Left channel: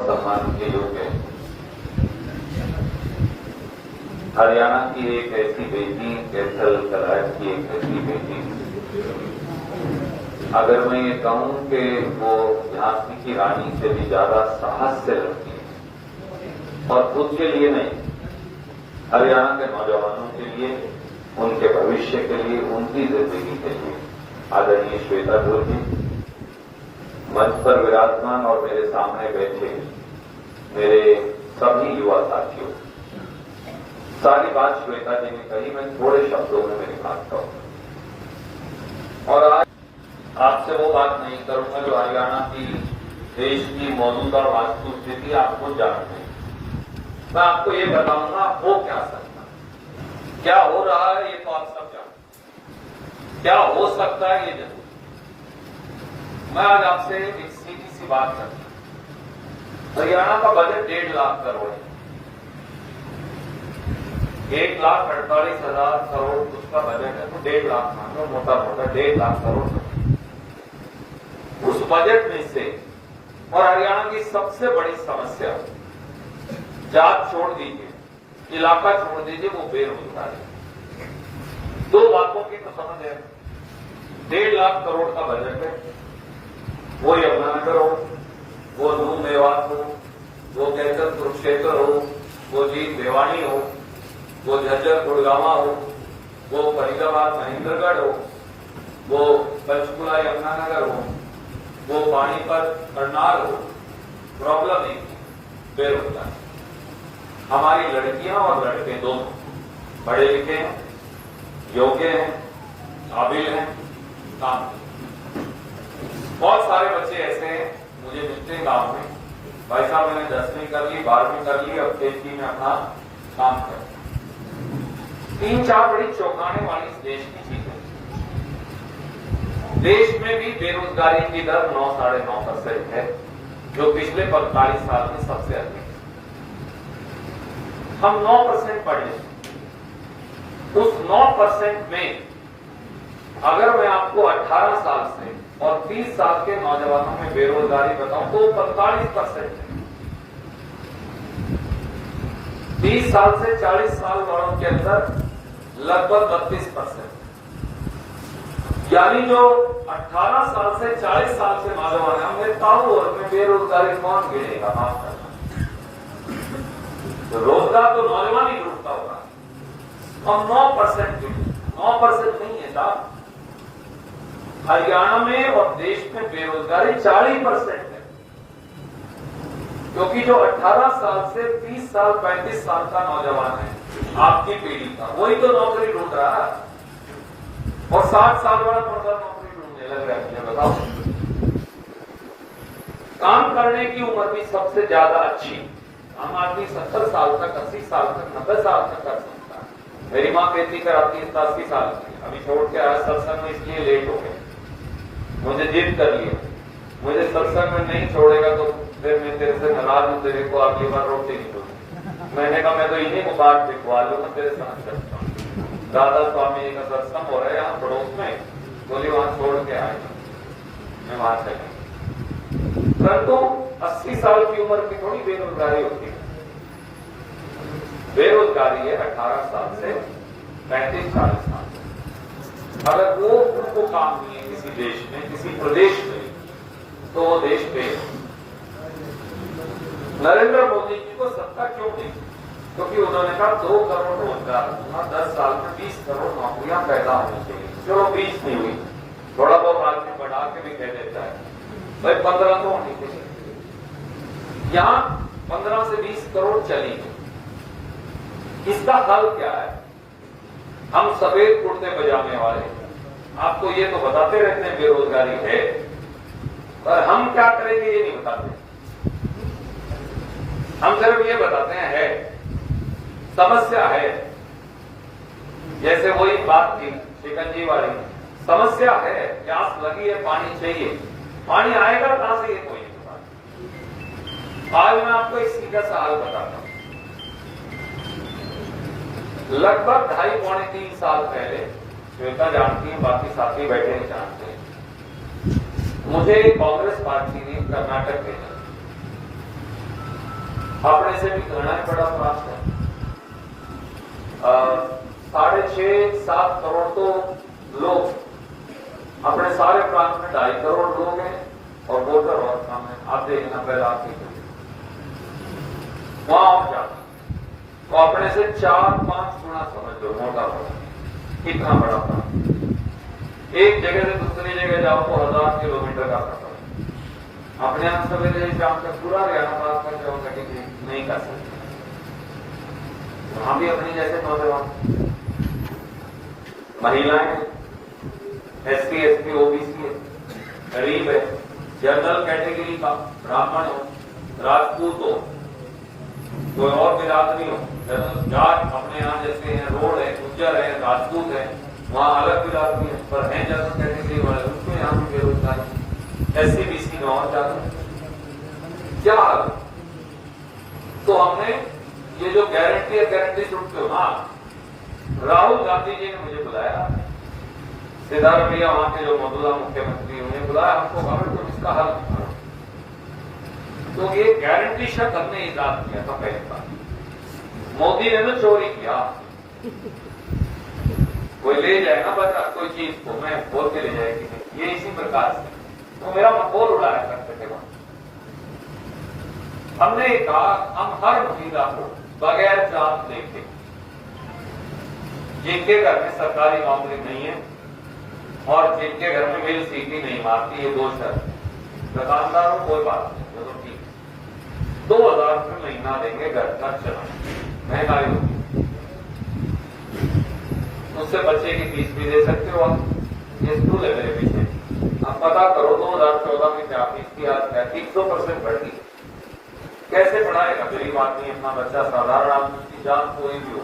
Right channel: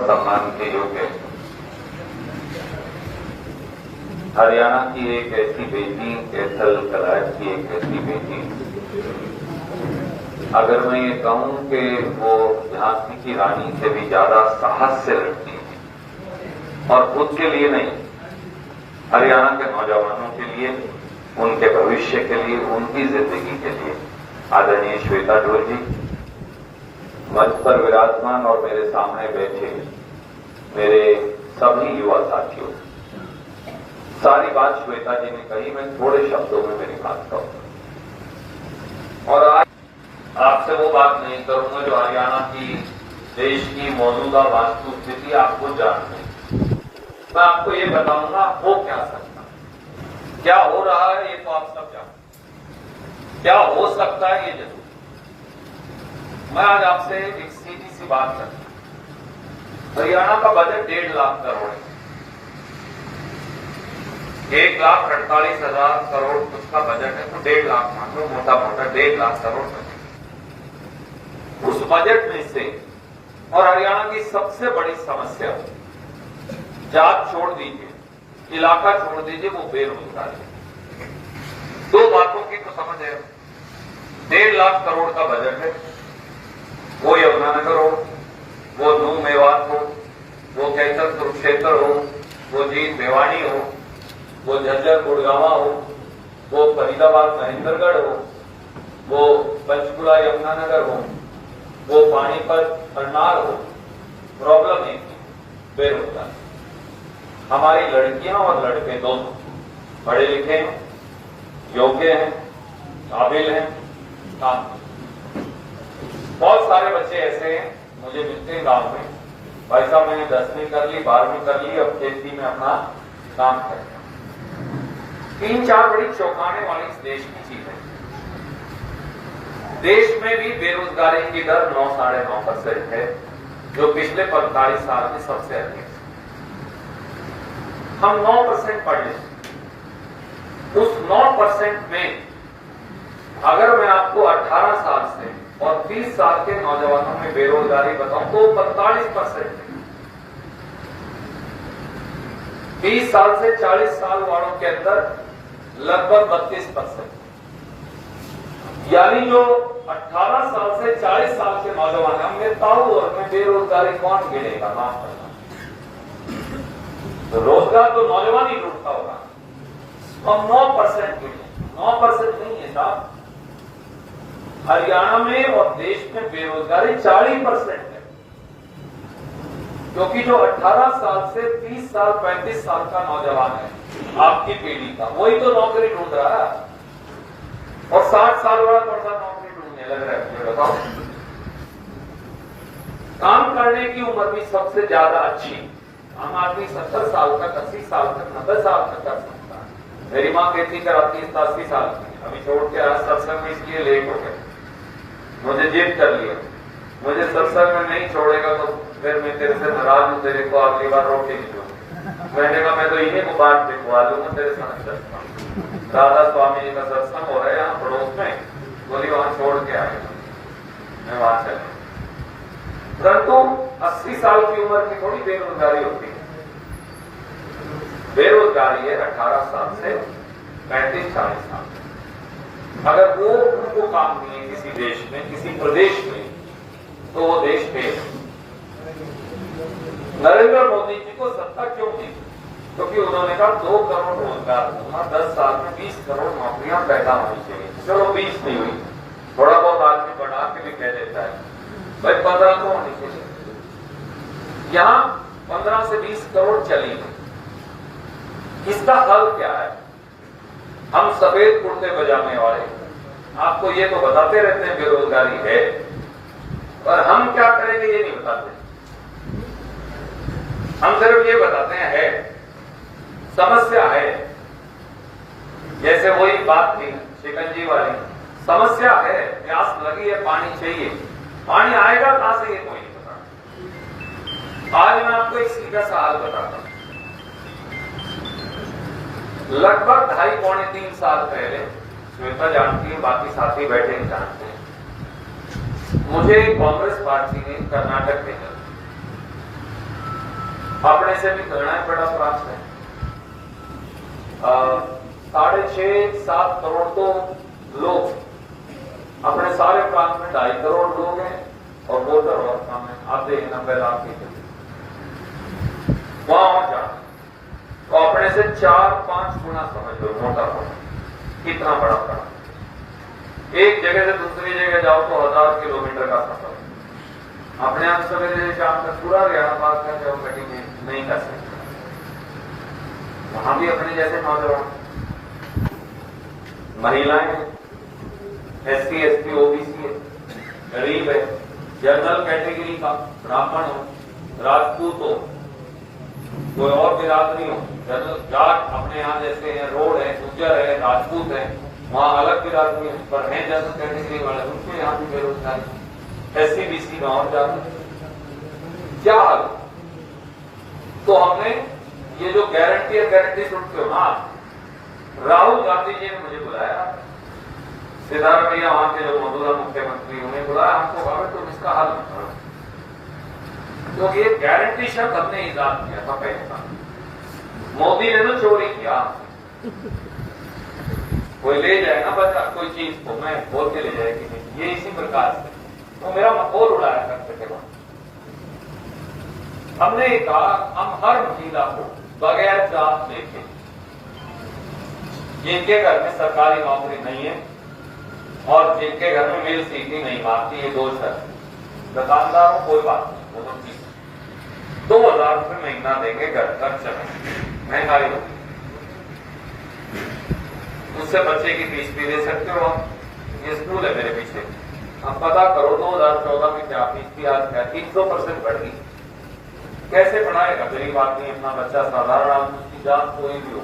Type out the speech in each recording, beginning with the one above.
सम्मान के योग्य है। हरियाणा की एक ऐसी बेटी, कैथल कलाट की एक ऐसी बेटी, अगर मैं ये कहूं कि वो झांसी की रानी से भी ज्यादा साहस से लड़ती है और खुद के लिए नहीं, हरियाणा के नौजवानों के लिए, उनके भविष्य के लिए, उनकी जिंदगी के लिए। आदरणीय श्वेता ढोल जी मंच पर विराजमान और मेरे सामने बैठे मेरे सभी युवा साथियों, सारी बात श्वेता जी ने कही, मैं थोड़े शब्दों में मेरी बात कहूं। और आज आपसे वो बात नहीं करूंगा जो हरियाणा की देश की मौजूदा वास्तु स्थिति आपको जाननी है। मैं आपको ये बताऊंगा हो क्या सकता है, क्या हो रहा है ये तो आप सब जानते, क्या हो सकता है ये जरूर। मैं आज आपसे एक सीधी सी बात करता हूं। हरियाणा का बजट 1.5 लाख करोड़ है। 1,48,000 करोड़ उसका बजट है, तो 1.5 लाख मान लो, मोटा मोटा 1.5 लाख करोड़। उस बजट में से, और हरियाणा की सबसे बड़ी समस्या, जात छोड़ दीजिए, इलाका छोड़ दीजिए, वो बेरोजगारी। दो बातों की तो समझ है। 1.5 लाख करोड़ का बजट है, वो यमुनानगर हो, वो नूह मेवात हो, वो कैथल कुरुक्षेत्र हो, वो जींद भिवानी हो, वो झज्जर गुड़गांवा हो, वो फरीदाबाद महेंद्रगढ़ हो, वो पंचकुला यमुनानगर हो, वो पानीपत करनाल हो। प्रॉब्लम एक बेरोजगार। हमारी लड़कियां और लड़के दोनों पढ़े लिखे हैं, योग्य हैं, काबिल हैं, काम। बहुत सारे बच्चे ऐसे हैं मुझे मिलते हैं गांव में, भाई साहब मैंने 10वीं कर ली, 12वीं कर ली, अब खेती में अपना काम करते हैं। 3-4 बड़ी चौंकाने वाली इस देश की चीज है। देश में भी बेरोजगारी की दर 9-9.5% है, जो पिछले 45 साल में सबसे अधिक है। हम 9% पढ़े, उस 9% में अगर मैं आपको 18 साल से और 30 साल के नौजवानों में बेरोजगारी बताऊं तो 45% है। 30 साल से 40 साल वालों के अंदर लगभग 32%। यानी जो 18 साल से 40 साल के नौजवान, हमने ताऊ और में बेरोजगारी कौन गिरेगा? माफ करना, तो रोजगार तो नौजवान ही ढूंढता होगा। हम 9% गिरे, 9% नहीं है साहब। हरियाणा में और देश में बेरोजगारी 40% है, क्योंकि जो 18 साल से 30 साल 35 साल का नौजवान है, आपकी पीढ़ी का, वही तो नौकरी ढूंढ रहा है। और 60 साल वाला कौन सा नौकरी ढूंढने लग रहा है, ये बताओ। काम करने की उम्र भी सबसे ज्यादा अच्छी, आम आदमी 70 साल तक, 80 साल तक, 90 साल तक कर सकता है। मेरी मां खेती कराती है 80 साल की, अभी छोड़ के आज सत्संग में इसलिए लेट हो गए, मुझे जिद कर लिया, मुझे सत्संग में नहीं छोड़ेगा तो फिर मैं तेरे से नाराज हूं, तेरे को अगली बार रोटी नहीं दूंगा। मैंने कहा मैं तो इन्हीं को बात दिखवा लूंगा तेरे साथ सत्संग। दादा स्वामी जी का सत्संग हो रहा है यहाँ पड़ोस में, बोली वहां छोड़ के आएगा, मैं वहां चले। परंतु 80 साल की उम्र की थोड़ी बेरोजगारी होती है। बेरोजगारी है 18 साल से 35-40 साल। अगर वो उनको काम नहीं है किसी देश में, किसी प्रदेश में, तो वो देश पे। नरेंद्र मोदी जी को सत्ता क्यों दी? क्योंकि उन्होंने कहा 2 करोड़ रोजगार दूंगा, 10 साल में 20 करोड़ नौकरियां पैदा होनी चाहिए। चलो 20 नहीं हुई, थोड़ा बहुत आदमी बढ़ा के भी कह देता है, भाई 15 तो होनी चाहिए। यहां 15 से 20 करोड़ चली है। इसका हल क्या है? हम सफेद कुर्ते बजाने वाले आपको ये तो बताते रहते हैं बेरोजगारी है, पर हम क्या करेंगे ये नहीं बताते। हम सिर्फ ये बताते हैं है, समस्या है। जैसे वही बात थी शिकंजी वाली, समस्या है, प्यास लगी है, पानी चाहिए, पानी आएगा कहां से ये कोई नहीं बताता। आज मैं आपको एक सीधा सा हाल बताता हूं। लगभग 2.5-3 साल पहले, श्वेता जानती है, बाकी साथी बैठे नहीं जानते हैं, मुझे कांग्रेस पार्टी ने कर्नाटक भेजा। अपने से भी करना है बड़ा प्राप्त है। 6.5-7 करोड़ तो लोग अपने सारे प्रांत में 2.5 करोड़ लोग हैं और वोटर बहुत कम है। आप देखना 90 लाख के करीब वहां हो जाए तो अपने से 4-5 गुना समझ लो मोटा पड़ा कितना बड़ा पड़ा। एक जगह से दूसरी जगह जाओ तो 1000 किलोमीटर का सफर अपने आप सवेरे शाम तक पूरा हरियाणा पास कर जाओ कटी नहीं कर सकते। वहां भी अपने जैसे नौजवान महिलाएं SC ST OBC गरीब है जनरल कैटेगरी का ब्राह्मण हो राजपूत हो कोई और बिरादरी हो जनरल जाट अपने यहाँ जैसे हैं रोड है गुज्जर है राजपूत है वहां अलग बिरादरी है पर है जनरल कैटेगरी वाले उनको यहाँ भी बेरोजगारी SC BC में और ज्यादा क्या हाल। तो हमने ये जो गारंटी है गारंटी सुनते हो ना राहुल गांधी जी ने मुझे बुलाया सिद्धार्थ भैया वहां के जो मौजूदा मुख्यमंत्री उन्हें बुलाया हमको कहा तुम इसका हल करो। तो ये गारंटी शब्द हमने ईजाद किया था पहले बार मोदी ने तो चोरी किया कोई ले जाएगा बता कोई चीज को मैं बोल के ले जाएगी ये इसी प्रकार से वो मेरा मखौल उड़ाया करते थे। हमने कहा हम हर महिला को बगैर जात लेके जिनके घर में सरकारी नौकरी नहीं है और जिनके घर में बिल सीटी नहीं मारती ये 2 शर्त दुकानदारों कोई बात नहीं वो तो ठीक 2000 रुपये महीना देंगे घर खर्च महंगाई होगी उससे बच्चे की फीस भी दे सकते हो आप। ये स्कूल है मेरे पीछे आप पता करो 2014 में क्या फीस थी आज क्या 300% बढ़ गई। कैसे पढ़ाएगा गरीब आदमी अपना बच्चा साधारण आदमी की जात कोई भी हो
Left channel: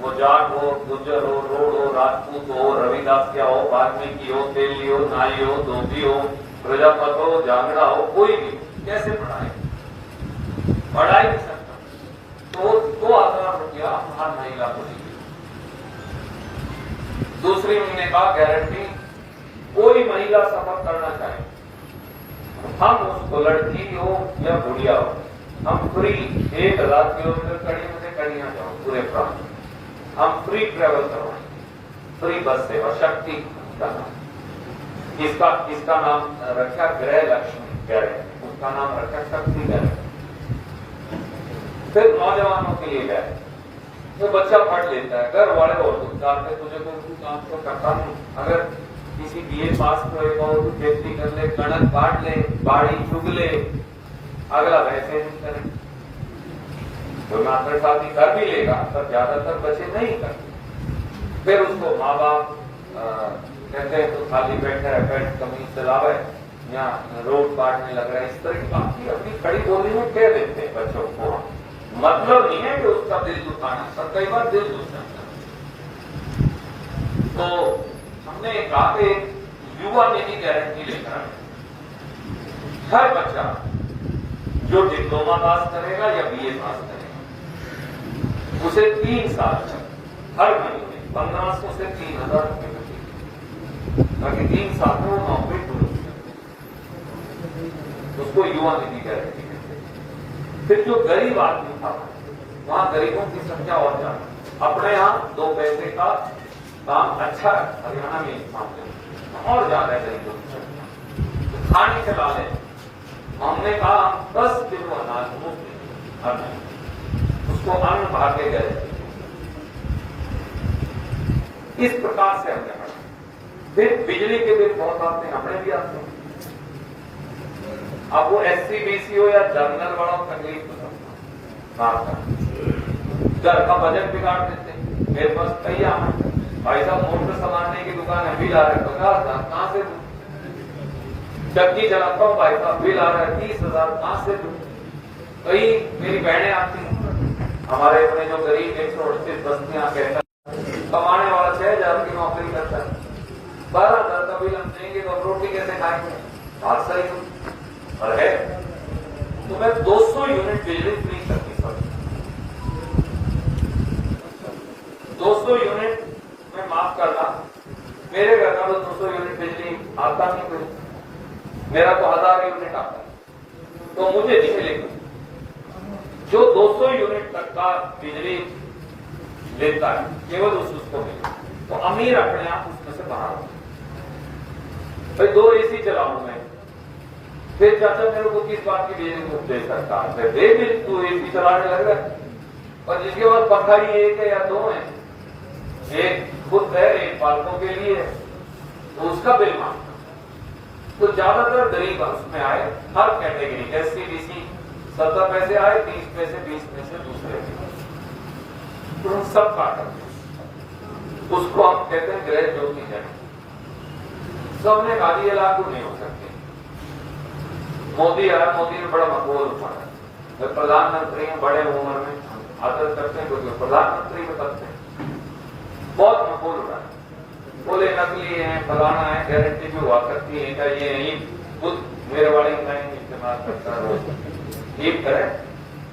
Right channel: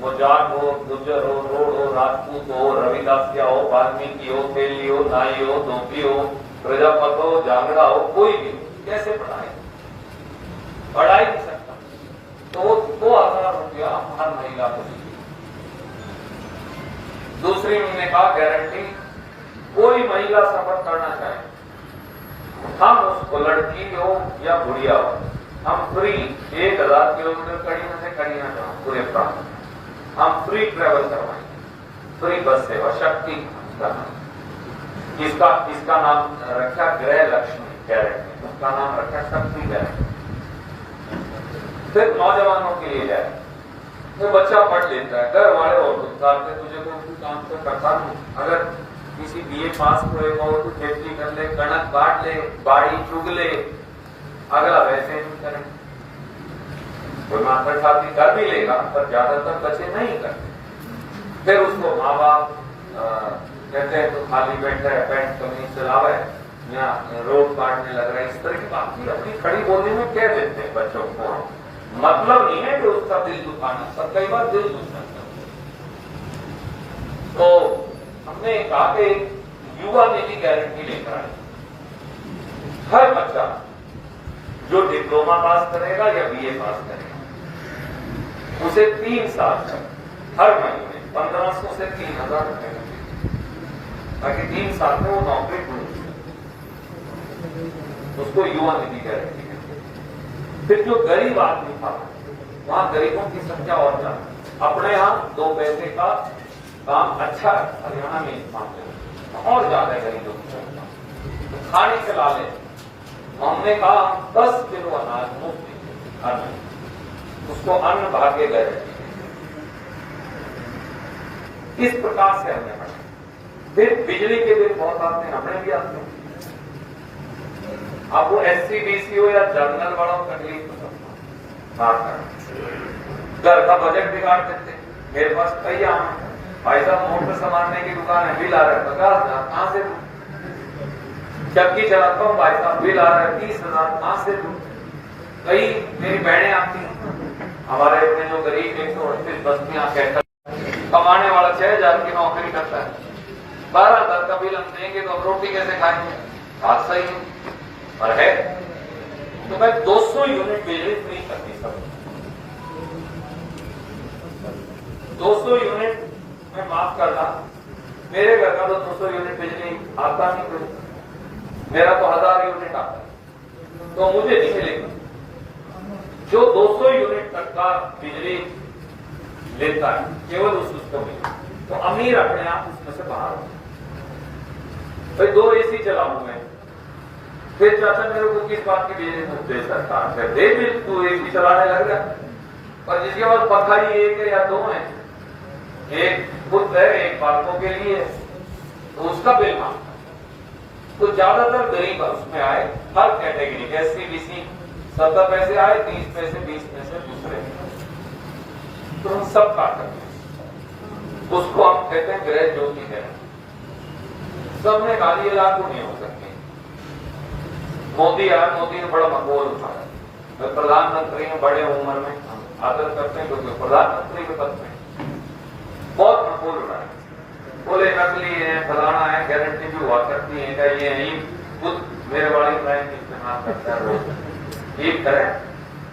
वो जाट हो गुज्जर हो रोड हो राजपूत हो रविदास क्या हो वाल्मीकि हो तेली हो नाई हो धोबी हो प्रजापत हो जागड़ा हो कोई भी हो कैसे पढ़ाएगा पढ़ाई नहीं सकता। तो 2000 रुपया हर महिला को दीजिए। दूसरी महीने का गारंटी कोई महिला सफर करना चाहे हम उसको लड़की हो या बुढ़िया हो हम फ्री 1000 किलोमीटर कड़ी से कड़ी ना जाओ पूरे प्रांत हम फ्री ट्रेवल करवाएंगे फ्री बस सेवा शक्ति इसका नाम रखा गृह लक्ष्मी गारंटी उसका नाम रखा शक्ति गारंटी। फिर नौजवानों के लिए है वो बच्चा पढ़ लेता है घर वाले और के तुझे कोई काम तो करता नहीं अगर किसी BA पास करेगा वो तो खेती कर ले कणक काट ले बाड़ी चुग ले अगला वैसे नहीं करे कोई मास्टर शादी कर भी लेगा पर ज्यादातर बच्चे नहीं करते। फिर उसको माँ बाप कहते हैं तो खाली बैठा है पैंट कमीज चलावे या रोड काटने लग रहा है इस तरह की बात की अपनी खड़ी बोलने में कह देते हैं बच्चों को मतलब नहीं है कि उसका दिल दुखाना पर कई बार दिल दुखना। तो हमने कहा कि युवा निधि गारंटी लेकर हर बच्चा जो डिप्लोमा पास करेगा या BA पास करेगा उसे 3 साल तक हर महीने 1500 से 3000 रुपए मिलेंगे ताकि 3 साल में वो नौकरी ढूंढ उसको युवा निधि गारंटी। फिर जो गरीब आदमी था वहां गरीबों की संख्या और ज्यादा अपने यहाँ 2 पैसे का काम अच्छा हरियाणा में इस मामले में और ज्यादा गरीबों की संख्या तो खाने चला ले हमने कहा 10 किलो अनाज मुफ्त अन्न उसको अन्न भाग्य गए इस प्रकार से हमने फिर बिजली के बिल बहुत आते हैं हमने भी आते हैं। अब वो SC BC हो या जनरल वालों तकलीफ घर का बजट बिगाड़ देते मेरे पास कई भाई साहब मोटर सामानने की दुकान है बिल आ रहा है 50,000 कहां से जबकि चलाता हूँ भाई साहब बिल आ रहा है 30,000 कहां से कई मेरी बहनें आती हैं हमारे अपने जो गरीब 138 बस्तियां कहकर कमाने वाला 6,000 की नौकरी करता है 12,000 का बिल हम देंगे तो रोटी कैसे खाएंगे बात सही है और है तो मैं 200 यूनिट बिजली फ्री करती सब 200 यूनिट में माफ करना मेरे घर का तो 200 यूनिट बिजली आता नहीं कोई मेरा तो 1000 यूनिट आता तो मुझे नहीं मिलेगा जो 200 यूनिट तक का बिजली लेता है केवल उसको मिले, तो अमीर अपने आप उसमें से बाहर हो। भाई 2 AC चलाऊं मैं, फिर चाचा मेरे को किस बात की बिजली दे सरकार से, दे भी तू AC चलाने लग गया। और जिसके बाद पंखा ही 1 है या 2 है, एक खुद है एक बालकों के लिए, तो उसका बिल मांग। तो ज्यादातर गरीब उसमें आए, हर कैटेगरी के SC BC 70 पैसे आए, 30 पैसे 20 पैसे दूसरे, तो हम सब काटते हैं। उसको हम कहते हैं गृह ज्योति है। सबने कहा ये लागू नहीं हो सकती। मोदी आया, मोदी ने बड़ा मकबूल उठाया, मैं प्रधानमंत्री हूं, बड़े उम्र में आदर करते हैं क्योंकि प्रधानमंत्री के पद में बहुत मकबूल उठाया। बोले नकली है, फलाना है, गारंटी भी हुआ करती है, क्या ये खुद मेरे वाले इस्तेमाल करता है, वो ये करें,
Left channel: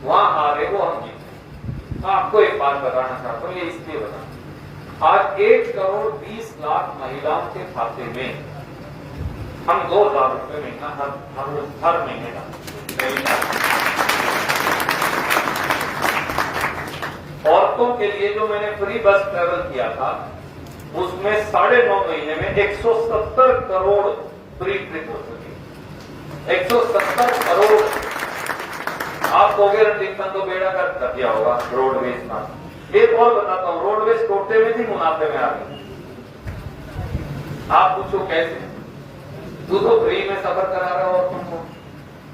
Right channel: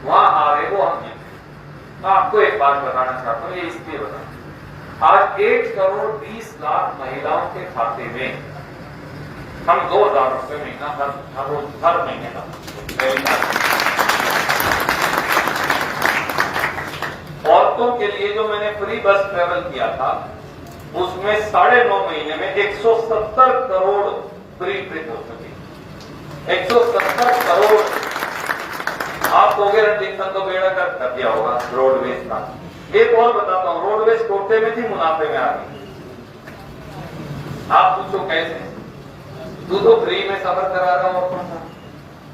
वहां हारे वो हम जीते। आपको एक बात बताना चाहता हूं, ये इसलिए बताना, आज 1 करोड़ 20 लाख महिलाओं के खाते में हम 2,000 रुपये महीना हर महीने का औरतों के लिए जो मैंने फ्री बस ट्रेवल किया था, उसमें 9.5 महीने में 170 करोड़ फ्री ट्रिप हो चुकी। 170 करोड़। आप कहोगे रंजीतन तो बेड़ा कर दिया होगा रोडवेज का। एक और बताता हूं, रोडवेज टोटे में थी, मुनाफे में आ गई। आप पूछो कैसे? तू तो फ्री में सफर करा रहा हो औरतों को।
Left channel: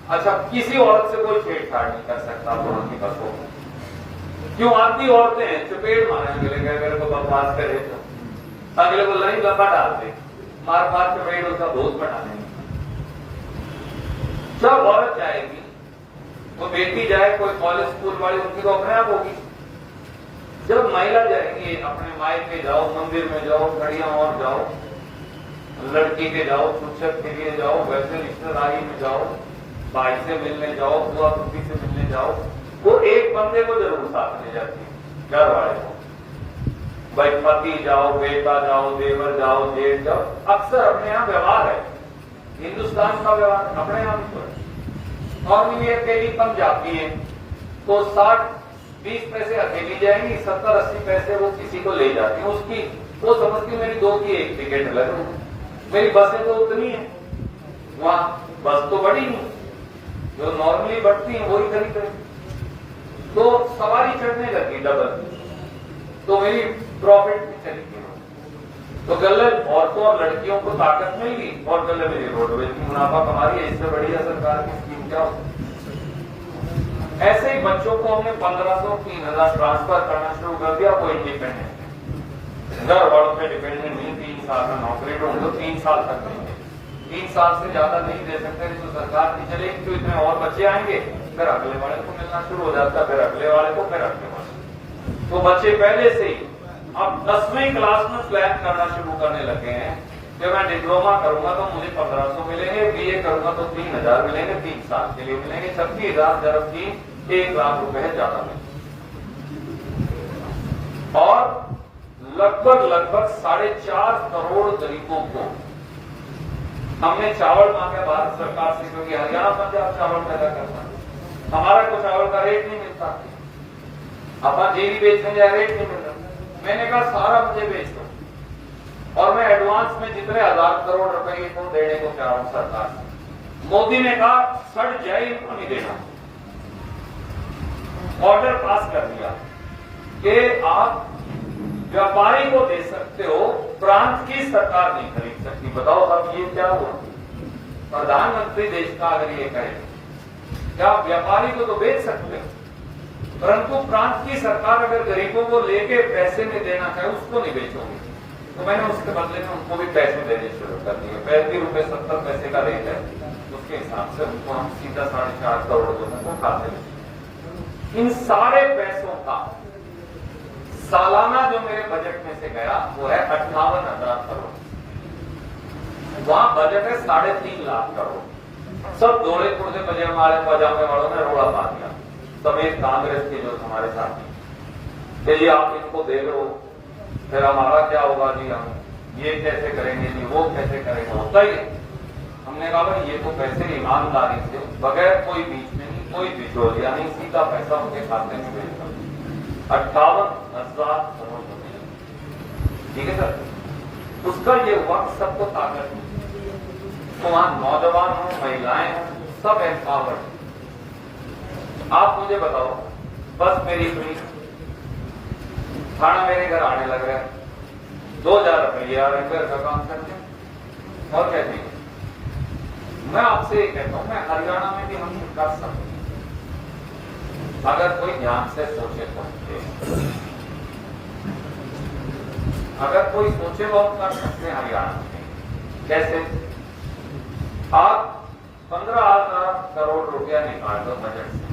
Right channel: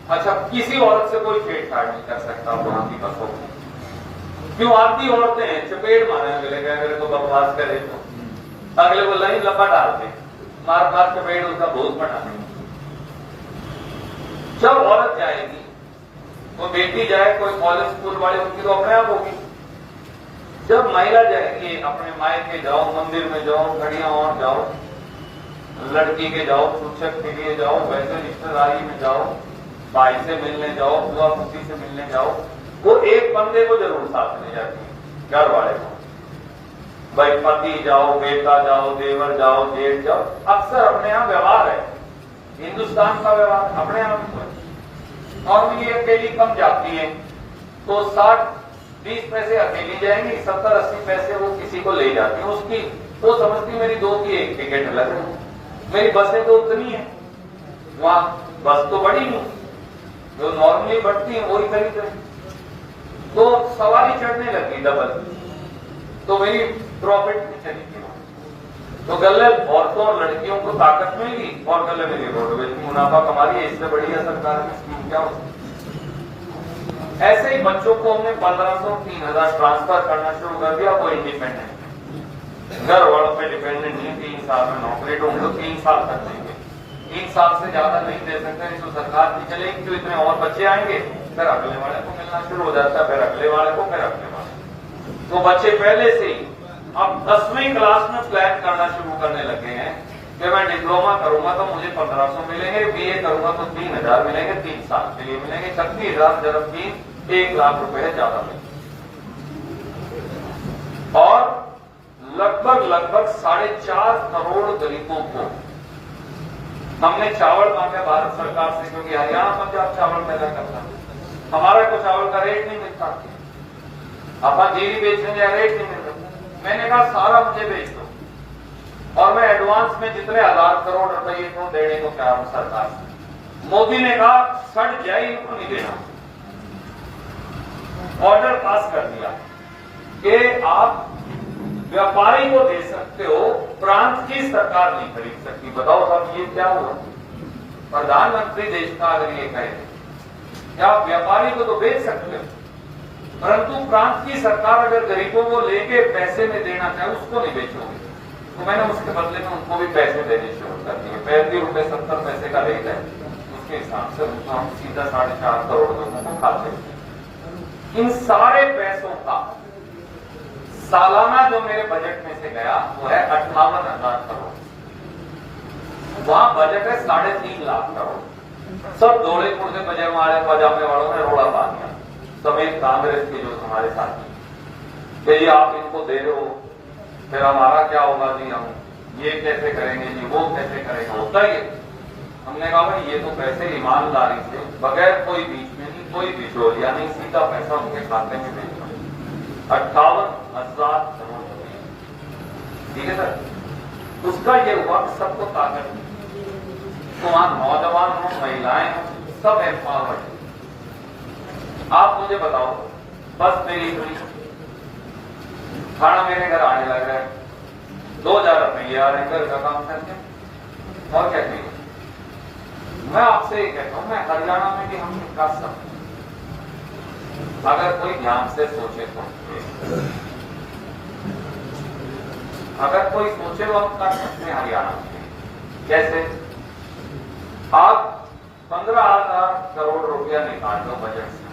अच्छा, किसी औरत से कोई छेड़छाड़ नहीं कर सकता वहां की बसों में। क्यों? आती औरतें हैं, चपेट मारने मिलेगा, मेरे को बकवास करे तो अगले को लाइन लंबा डाल दे, मार मार चपेट उसका भूत बना देंगे। जब औरत जाएगी तो बेटी जाए, कोई कॉलेज स्कूल वाले, उनकी तो अपने आप होगी। जब महिला जाएगी, अपने मायके जाओ, मंदिर में जाओ, घड़ियां और जाओ, लड़की के जाओ, शिक्षक के लिए जाओ, वैसे रिश्तेदारी में जाओ, भाई से मिलने जाओ, बुआ पुत्री से मिलने जाओ, वो एक बंदे को जरूर साथ ले जाती है, घर वाले को। भाई पति जाओ, बेटा जाओ, देवर जाओ, जेठ जाओ, अक्सर अपने यहाँ व्यवहार है। हिंदुस्तान का व्यवहार अपने आप तो है। और ये अकेली कम जाती है तो 60-20 पैसे अकेली जाएंगी, 70-80 पैसे वो किसी को ले जाती है। उसकी वो समझती मेरी 2 की 1 टिकट अलग है, मेरी बसें तो उतनी है, वहां बस तो बड़ी नहीं, जो नॉर्मली बढ़ती है वही खरीद रही, तो सवारी चढ़ने लगी डबल, तो मेरी प्रॉफिट में चली गई। तो गले औरतों और लड़कियों को ताकत मिली और गले मेरी रोडवेज की मुनाफा कमा रही है। इससे बढ़िया सरकार की स्कीम क्या हो? ऐसे ही बच्चों को हमने 1500-3000 ट्रांसफर करना शुरू कर दिया। कोई इंडिपेंडेंट घर वालों पे डिपेंडेंट नहीं, 3 साल में नौकरी ढूंढो, 3 साल तक देंगे, 3 साल से ज्यादा नहीं दे सकते, तो सरकार की चलेगी, तो इतने और बच्चे आएंगे, फिर अगले वाले को मिलना शुरू हो जाता है, फिर अगले वाले को, फिर अगले वाले। तो बच्चे पहले से ही अब 10वीं क्लास में प्लान करना शुरू करने लगे हैं कि मैं डिप्लोमा करूंगा तो मुझे 1500 मिलेंगे, BA करूंगा तो 3000 मिलेंगे, 3 साल के लिए मिलेंगे 36,000 जब 3 1 लाख रुपए ज्यादा मिलेंगे। और लगभग 4.5 करोड़ गरीबों को हमने चावल मांगा भारत सरकार से, क्योंकि हरियाणा पंजाब चावल पैदा करता, हमारा को चावल का रेट नहीं मिलता, अपन जीरी बेचने जाए रेट नहीं मिलता। मैंने कहा सारा मुझे बेच दो और मैं एडवांस में जितने 1000 करोड़ रुपए को देने को तैयार हूं सरकार से। मोदी ने कहा सड़ जाए इनको नहीं देना, ऑर्डर पास कर दिया कि आप व्यापारी को दे सकते हो, प्रांत की सरकार नहीं खरीद सकती। बताओ अब ये क्या हुआ? प्रधानमंत्री देश का अगर ये कहे कि आप व्यापारी को तो बेच सकते हो, परंतु प्रांत की सरकार अगर गरीबों को लेके पैसे में देना चाहे उसको नहीं बेचोगे, तो मैंने उसके बदले में उनको भी पैसे देने शुरू कर दिए। 35 रुपए 70 पैसे का रेट है, उसके हिसाब से उनको हम सीधा 4.5 करोड़ लोगों को खाते हैं। इन सारे पैसों का सालाना जो मेरे बजट में से गया वो है 58,000 करोड़। वहां बजट है 3.5 लाख करोड़। सब दौड़े पुड़े पजामे वालों ने रोड़ा पा दिया, समेत कांग्रेस के जो हमारे साथी, ये आप इनको दे रहे हो, फिर हमारा क्या होगा जी, हम ये कैसे करेंगे जी, वो कैसे करेंगे, होता ही है। हमने कहा भाई ये तो पैसे ईमानदारी से बगैर कोई बीच में नहीं कोई बिचौलिया यानी सीधा पैसा उनके खाते में भेजता। 58,000 करोड़ रुपए, ठीक है सर। उसका ये हुआ कि सबको ताकत, वहां नौजवान हो, महिलाएं हो, सब एम्पावर्ड। आप मुझे बताओ, बस मेरी इतनी, खाना मेरे घर आने लग रहा है, 2,000 रुपये आ रहे घर का काम करते, और क्या चाहिए? मैं आपसे ये कहता हूं, मैं हरियाणा में भी हम कर सकते हैं अगर कोई ध्यान से सोचे तो। अगर कोई सोचे तो हम कर सकते हैं हरियाणा में। कैसे? आप 15,000 करोड़ रुपया निकाल दो बजट से,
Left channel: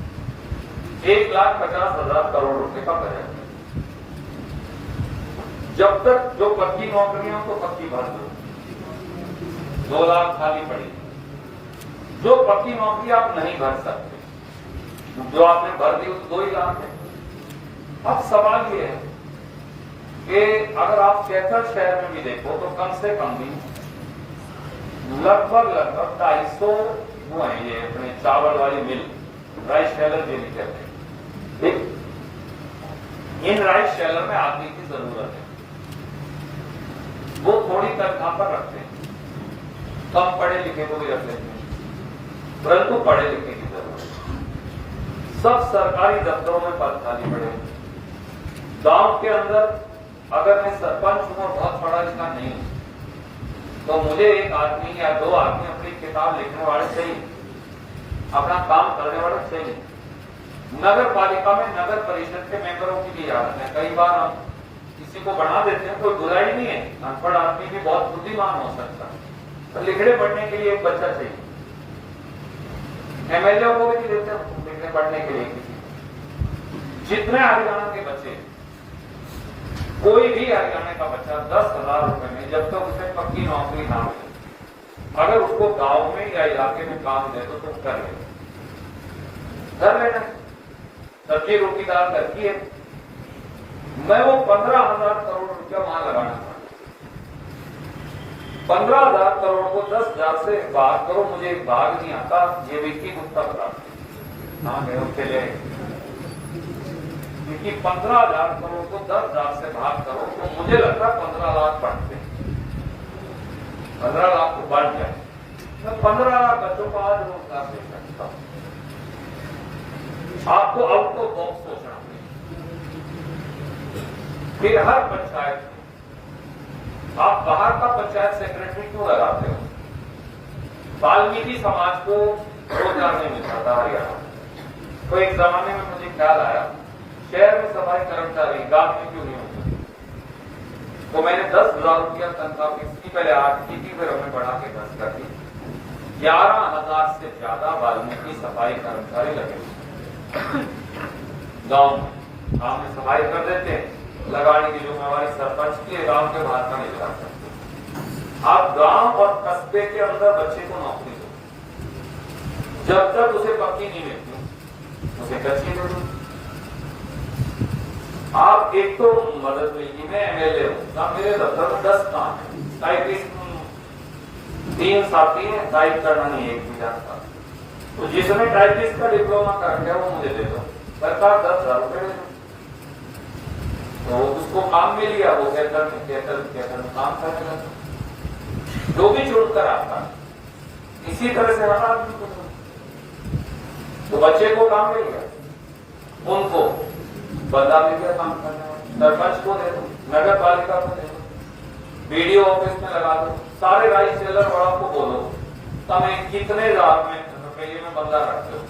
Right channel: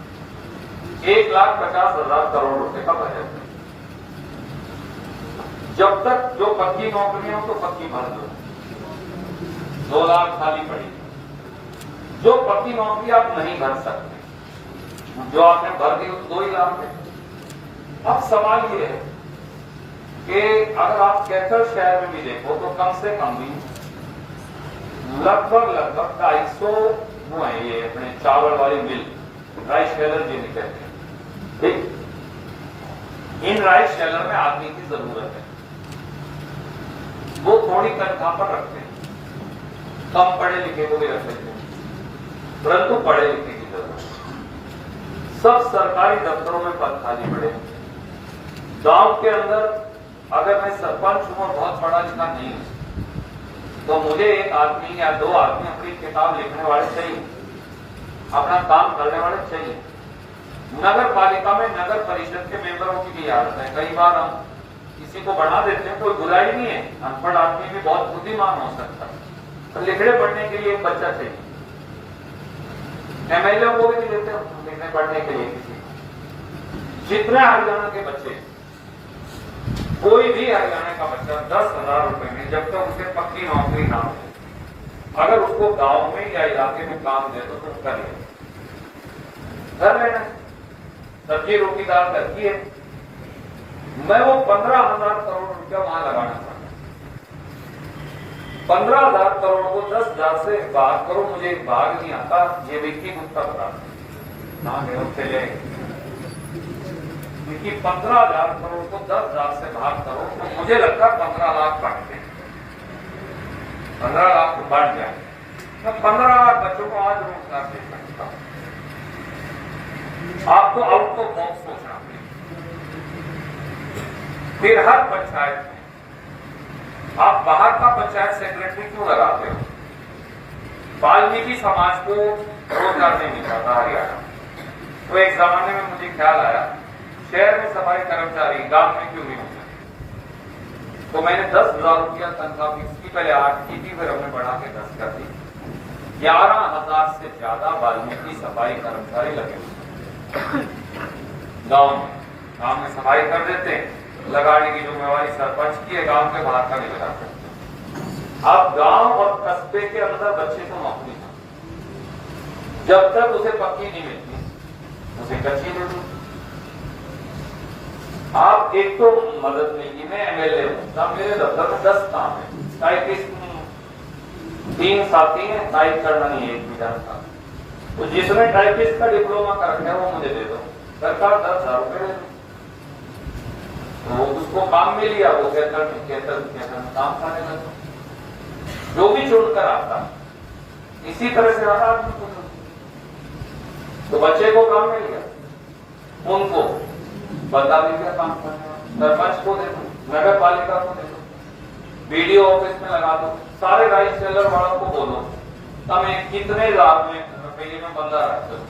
1,50,000 करोड़ रुपए का बजट है। जब तक जो पक्की नौकरियां तो पक्की भर दो, 2 लाख खाली पड़ी। जो पक्की नौकरी आप नहीं भर सकते, जो आपने भर दी, 2 ही लाख है। अब सवाल ये है कि अगर आप कैथल शहर में भी देखो तो कम से कम भी लगभग 250 वो है ये अपने चावल वाली मिल, राइस शेलर जिन्हें कहते हैं। इन राइस शेलर में आदमी की जरूरत है, वो थोड़ी तनख्वाह पर रखते हैं, कम पढ़े लिखे को भी रख लेते हैं, परंतु पढ़े लिखे की जरूरत है। सब सरकारी दफ्तरों में पद खाली पड़े। गांव के अंदर अगर मैं सरपंच हूं और बहुत पढ़ा लिखा नहीं हूं, तो मुझे एक आदमी या 2 आदमी अपनी किताब लिखने वाले चाहिए, अपना काम करने वाले चाहिए। नगर पालिका में नगर परिषद के मेंबरों की भी हालत है। कई बार हम किसी को बना देते हैं, कोई बुराई नहीं है, अनपढ़ आदमी भी बहुत बुद्धिमान हो सकता है, तो लिखने पढ़ने के लिए एक बच्चा चाहिए। एमएलए को भी देते हैं लिखने पढ़ने के लिए किसी। जितने हरियाणा के बच्चे, कोई भी हरियाणा का बच्चा 10,000 रुपए में जब तक उसे पक्की नौकरी ना हो, अगर उसको गांव में या इलाके में काम दे तो कर ले, घर लेना, सब्जी रोटी दाल करती है। मैं वो 15,000 करोड़ रुपया वहां लगाना चाहता हूं। 15,000 करोड़ को 10,000 से भाग करो, मुझे भाग नहीं आता, ये विक्की गुप्ता बताते हैं उससे कि 15,000 करोड़ को 10,000 से भाग करो तो मुझे लगता 15 लाख बढ़ते, 15 लाख तो बढ़ जाए। मैं 15 लाख बच्चों को आज रोजगार दे सकता हूं। आपको आउट ऑफ बॉक्स सोचना पड़ेगा। फिर हर पंचायत में आप बाहर का पंचायत सेक्रेटरी क्यों लगाते हो? वाल्मीकि समाज को रोजगार नहीं मिलता था हरियाणा। तो एक जमाने में मुझे ख्याल आया, शहर में सफाई कर्मचारी गांव में क्यों नहीं होते? तो मैंने 10,000 रुपया तनख्वाह इसकी पहले 8 की थी, फिर हमने बढ़ा के 10 कर दी। 11,000 से ज्यादा वाल्मीकि सफाई कर्मचारी लगे गांव में सफाई कर देते, लगाने की जिम्मेवारी सरपंच की है, गांव के बाहर का नहीं लगा सकते। आप गांव और कस्बे के अंदर बच्चे को नौकरी दो, जब तक उसे पक्की नहीं मिलती उसे कच्ची दे दो। आप एक तो मदद लीजिए, मैं एमएलए हूं, मेरे दफ्तर में 10 काम है, टाइपिस्ट 3 साथी हैं, टाइप करना नहीं है 1 जानता, तो जिसने टाइपिस्ट का डिप्लोमा कर रखा है वो मुझे दे दो, सरकार 10,000 रुपए दे दो, तो उसको काम मिल गया, वो कहकर काम करने लगा, जो भी चुनकर आता। इसी तरह से हर आदमी को तो बच्चे को काम मिल गया, उनको बदला मिल गया काम करने वाला, सरपंच को दे दो, नगर पालिका को दे दो, बीडीओ ऑफिस में लगा दो, सारे राइस सेलर वालों को बोलो हमें कितने लाख में रुपये में बंदा रखते हो,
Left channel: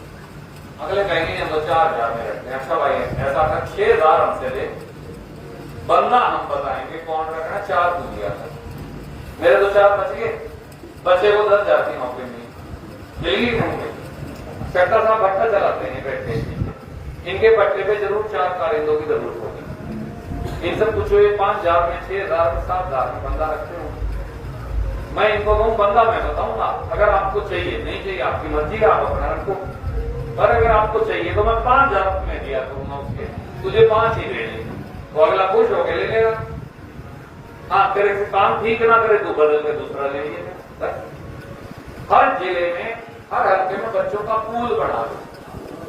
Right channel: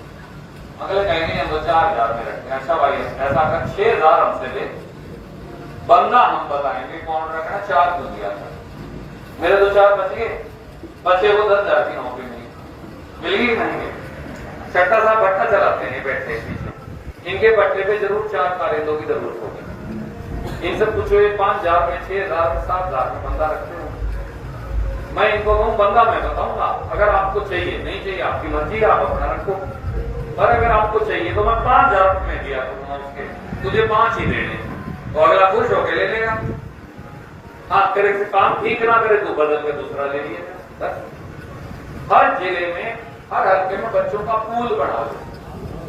अगले कहेंगे 2-4 में रखते हैं। अच्छा भाई ऐसा कर 6,000 हमसे दे, बंदा हम बताएंगे कौन रखना, 4 को दिया था, मेरे 2-4 बच गए, बच्चे को 10,000 की नौकरी मिली नहीं। चट्टा साहब भट्टा चलाते हैं बैठे, इनके पट्टे पे जरूर 4 कारिंदों की जरूरत होगी। इनसे पूछो 5,000 में, 6,000 में, 7,000 में बंदा रखते हो। मैं इनको कहूं बंदा मैं बताऊंगा, अगर आपको चाहिए, नहीं चाहिए आपकी मर्जी, आप अपना रखो, पर अगर आपको चाहिए तो मैं 5,000 में दिया करूंगा उसके, तुझे 5 ही देने, तो अगला खुश होकर ले लेगा। हाँ तेरे काम ठीक ना करे तो बदल के दूसरा ले लीजिए। हर जिले में, हर हल्के में बच्चों का पूल बना दो,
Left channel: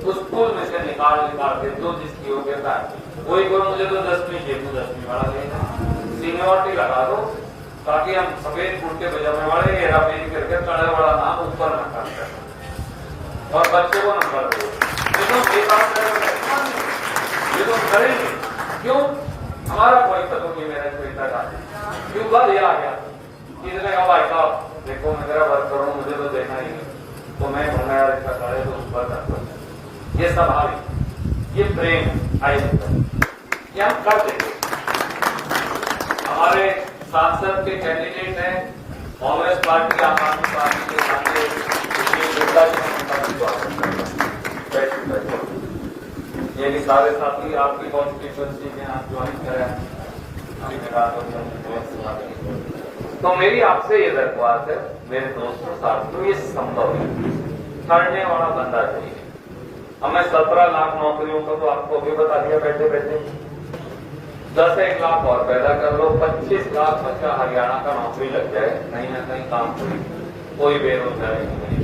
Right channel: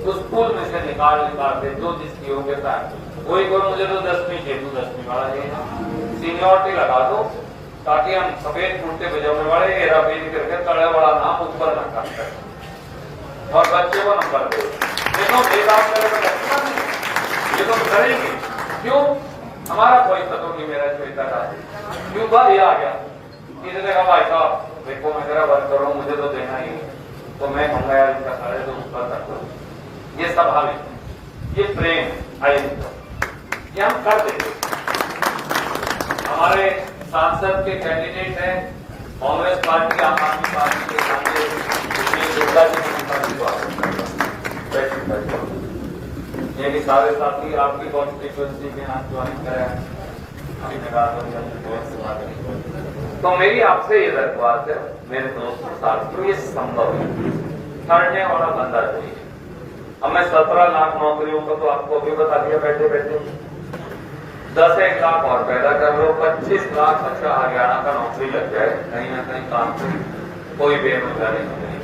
तो स्कूल में से निकाल दे जो जिसकी योग्यता है वही बोलो मुझे तो 10वीं चाहिए, तू 10वीं वाला ले जा, सीनियोरिटी लगा दो ताकि हम सफेद कुर्ते पजामे वाले हेरा फेरी करके तड़े वाला नाम ऊपर रखा करें और बच्चे को नंबर दो। ये तो बेदाग ये तो करेंगे क्यों? हमारा कोई खत्म नहीं, मेरा छोटा था क्यों बात ये आ गया, किसी ने कहा भाई साहब देखो मैं तेरा वर्क करूँ मुझे तो देना ही है, तो मैं कहूंगा यार इसका सारे तो ऊपर रख दो। ये स्वाभाविक, ये प्रेम आई ये हम कर देंगे। हमारे सांसद के कैंडिडेट हैं कांग्रेस पार्टी, आम आदमी पार्टी के ये भी सारे साथी आपकी कॉन्स्टिट्यूएंसी में आप ज्वाइन करें। तो मेरी आपसे ये दरख्वास्त है मेरे दोस्तों साथियों, ये संभव है, करने वाला बंदा कोई है। हमें 17 लाख नौकरियों को तो आपको अभी बता दिया बैठे बैठे, 10-1 लाख और पैदा कर लो, 25 लाख बच्चा हरियाणा का नौकरी लग जाए, कहीं ना कहीं काम करें, कोई बेरोजगारी नहीं।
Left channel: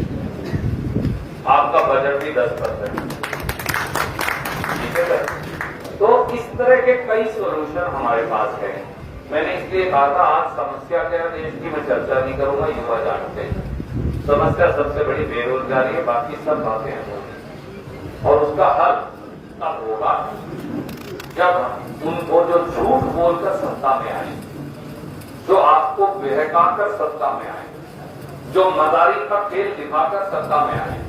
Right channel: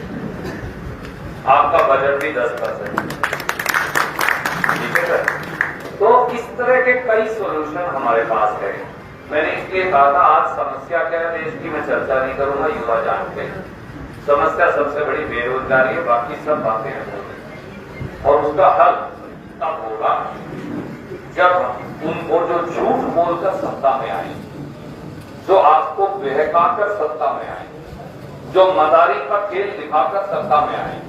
आपका बजट भी 10%, ठीक है सर। तो इस तरह के कई सोल्यूशन हमारे पास है। मैंने इसलिए कहा था आज समस्या क्या है देश की मैं चर्चा नहीं करूंगा, युवा जानते हैं समस्या सबसे बड़ी बेरोजगारी है, बाकी सब बातें हैं और उसका हल तब होगा जब उनको जो झूठ बोलकर सत्ता में आए, जो आपको बहकाकर सत्ता में आए, जो मदारी का खेल दिखाकर सत्ता में आए,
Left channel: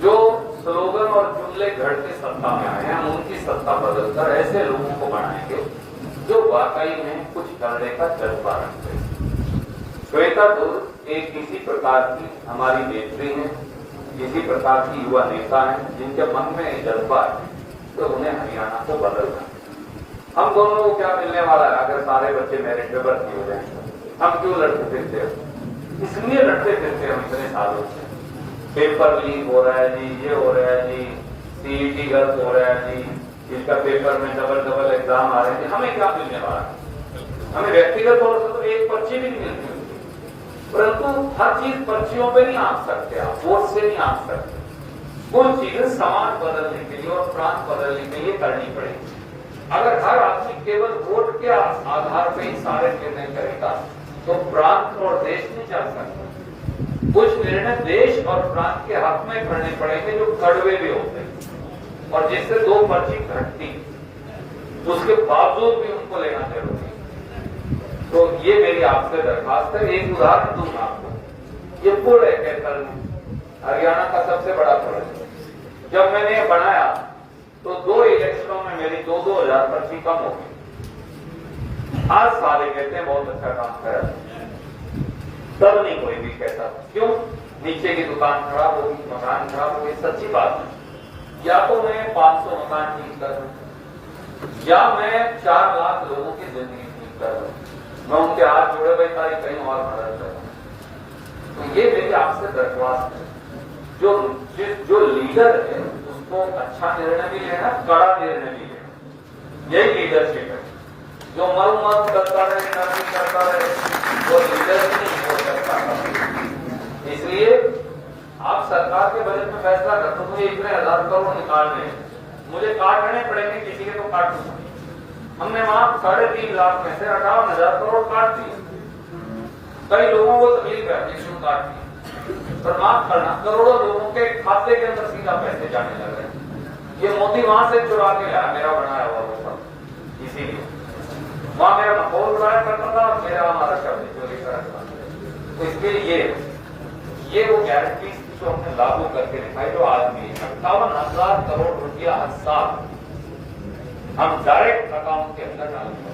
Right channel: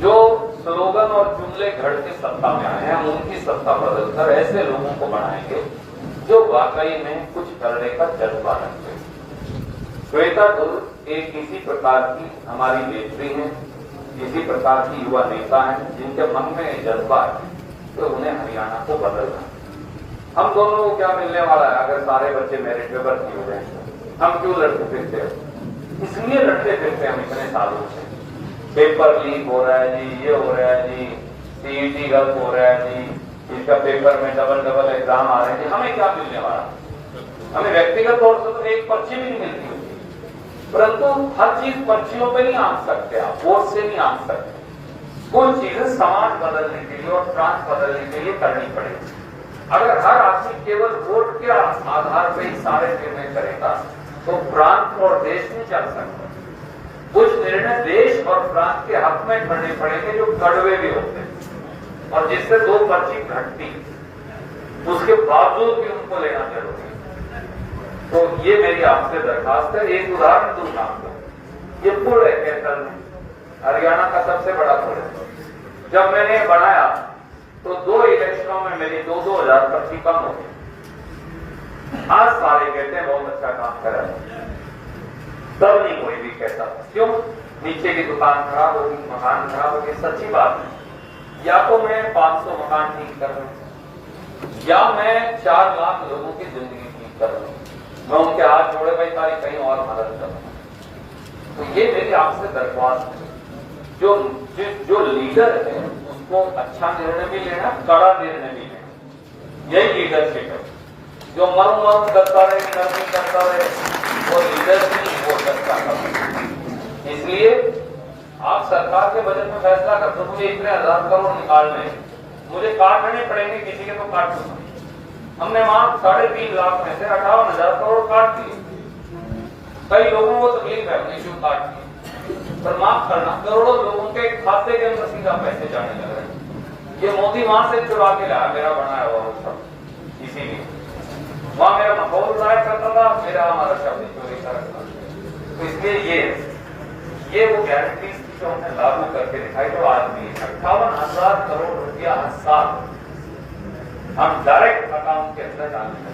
जो स्लोगन और जुमले घड़ के सत्ता में आए, हम उनकी सत्ता बदलकर ऐसे लोगों को बनाएंगे जो वाकई में कुछ करने का जज्बा रखते हैं। श्वेता दुर्ग एक इसी प्रकार की हमारी नेत्री है, किसी प्रकार की युवा नेता है जिनके मन में जज्बा है, तो उन्हें हरियाणा को बदलना। हम दोनों को क्या मिलने वाला है अगर सारे बच्चे मेरिट में भर्ती हो गए? हम क्यों लड़ते फिरते हो? इसलिए लड़ते फिरते हम इतने सालों से। पेपर लीक हो रहा है जी, ये हो रहा है जी, सीईटी गलत हो रहा है जी, इसका पेपर में डबल एग्जाम आ रहे हैं, हमें क्या मिलने वाला? हमें व्यक्तिगत तौर से तो एक पर्ची भी नहीं मिलती, परंतु हर चीज पर्चियों पे नहीं आंक सकते, आप वोट से नहीं आंक सकते। कुछ चीजें समाज बदलने के लिए और प्रांत बदलने के लिए करनी पड़ेगी। अगर हर आदमी केवल वोट के आधार पर ही सारे निर्णय करेगा तो प्रांत और देश नहीं चल सकता। कुछ निर्णय देश और प्रांत के हक में करने पड़ेंगे जो कड़वे भी होते हैं और जिससे 2 पर्ची घटती, उसके बावजूद भी उनको लेना जरूरी है। तो ये मेरी आपसे दरखास्त है। एक उदाहरण दूंगा आपको, ये पुल है कैथल में, हरियाणा का सबसे बड़ा पुल है। जब मैंने बनाया तो 2 इलेक्शनों में मेरी 2-2 हजार पर्ची कम हो गई। आज सारे कहते हैं बहुत अच्छा काम करा, तब नहीं कोई भी कहता था। क्यों? नीचे की दुकान खराब होगी, मकान खराब होगी, सच्ची बात है। या तो मैं 500 मकान ठीक कर रहा हूं या मैं 4 लाख लोगों की जिंदगी ठीक कर रहा हूं, मैं उनके हाथ जोड़े भाई तारी कहीं और मदद कर रहा हूं। तो ये मेरी आपसे दरख्वास्त है, जो लीडर है उसको अच्छा निर्णय भी लेना, कड़ा निर्णय भी लेना, यही लीडरशिप है। जो मरम करता रहे, करता रहे, वो लीडर नहीं हो सकता। इसलिए आप सरकार के बजट में फैसला करते, मुझे इतने 1000 करोड़ निकालने, मुझे काटने पड़ेंगे, किसी के तो काट दूंगा। हमने मात्र 3.5 लाख में से 58,000 करोड़ काट दिए। कई लोगों को तकलीफ है क्यों काट दिए, पर माफ करना, करोड़ों लोगों के खाते के अंदर सीधा पैसे जाने लग रहे हैं। ये मोदी वहां से चुरा के लाया, मेरा बनाया हुआ, इसीलिए वहां मेरा माहौल बनाया करता था, मेरा हमारा शब्द चोरी करता। तो इसलिए ये वो गारंटी जो हमने लागू करके दिखाई, जो आदमी 58,000 करोड़ रुपया साल हम डायरेक्ट अकाउंट के अंदर डालेंगे,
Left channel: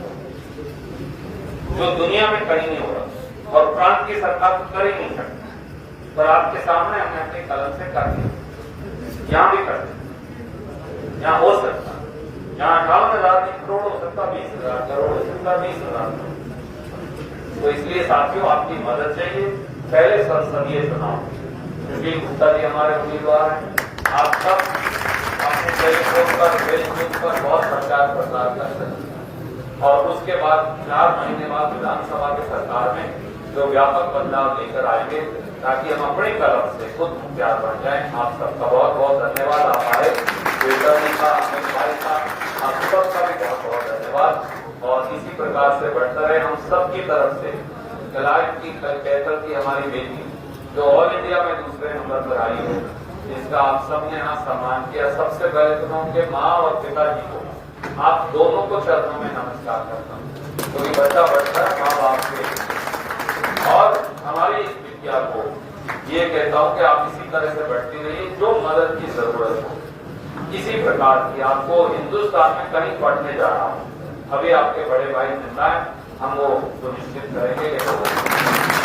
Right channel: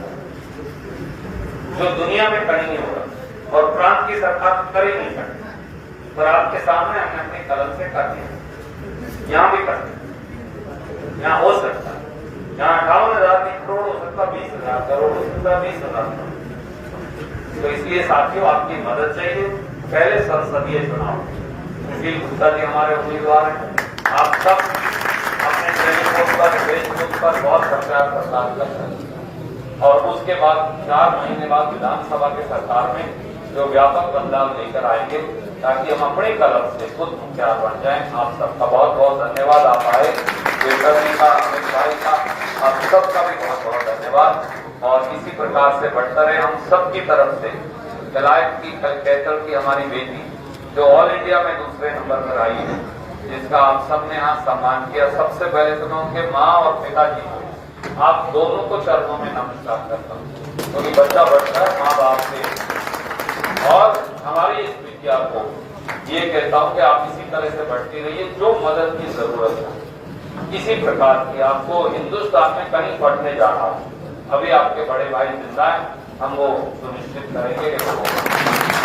जो दुनिया में कहीं नहीं हो रहा और प्रांत की सरकार कर ही नहीं सकती। पर आपके सामने हमने अपने कलम से कर दिया, यहां भी कर दिया, यहां हो सकता है, यहां 58,000 करोड़ हो सकता, 20,000 करोड़ हो सकता, 20,000 करोड़। तो इसलिए साथियों आपकी मदद चाहिए। पहले संसदीय चुनाव, सुशील गुप्ता जी हमारे उम्मीदवार हैं, आप सब अपने टेलीफोन पर, फेसबुक पर बहुत प्रचार प्रसार कर सकते हैं और उसके बाद 4 महीने बाद विधानसभा के सरकार में जो व्यापक बदलाव लेकर आएंगे ताकि हम अपने कलम से खुद मुखिया बन जाएं। आप सबका बहुत बहुत धन्यवाद। आप आए, देवकर्मी का, अमित भाई का, आप सबका भी बहुत बहुत धन्यवाद। और इसी प्रकार से बढ़ता रहे। हम सबकी तरफ से कलायत की कैथल की हमारी बेटी जो ऑल इंडिया में दूसरे नंबर पर आई है, जिसका आप सबने यहाँ सम्मान किया, सबसे पहले तो मैं उनके माँ और पिताजी को, आप दोनों को चरणों में नमस्कार करता हूँ, क्योंकि बच्चा बढ़ता है माँ बाप से। और हमारी इस विद्या को ये कहता हूँ कि आप इसी तरह से बढ़ती रहिए। जो मदद की जरूरत हो किसी प्रकार की, आपको हिंदुस्तान में कहीं पढ़ने जाना हो, अभी आपके बड़े भाई जिंदा है, हम वो सुनिश्चित करेंगे।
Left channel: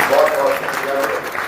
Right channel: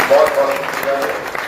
बहुत बहुत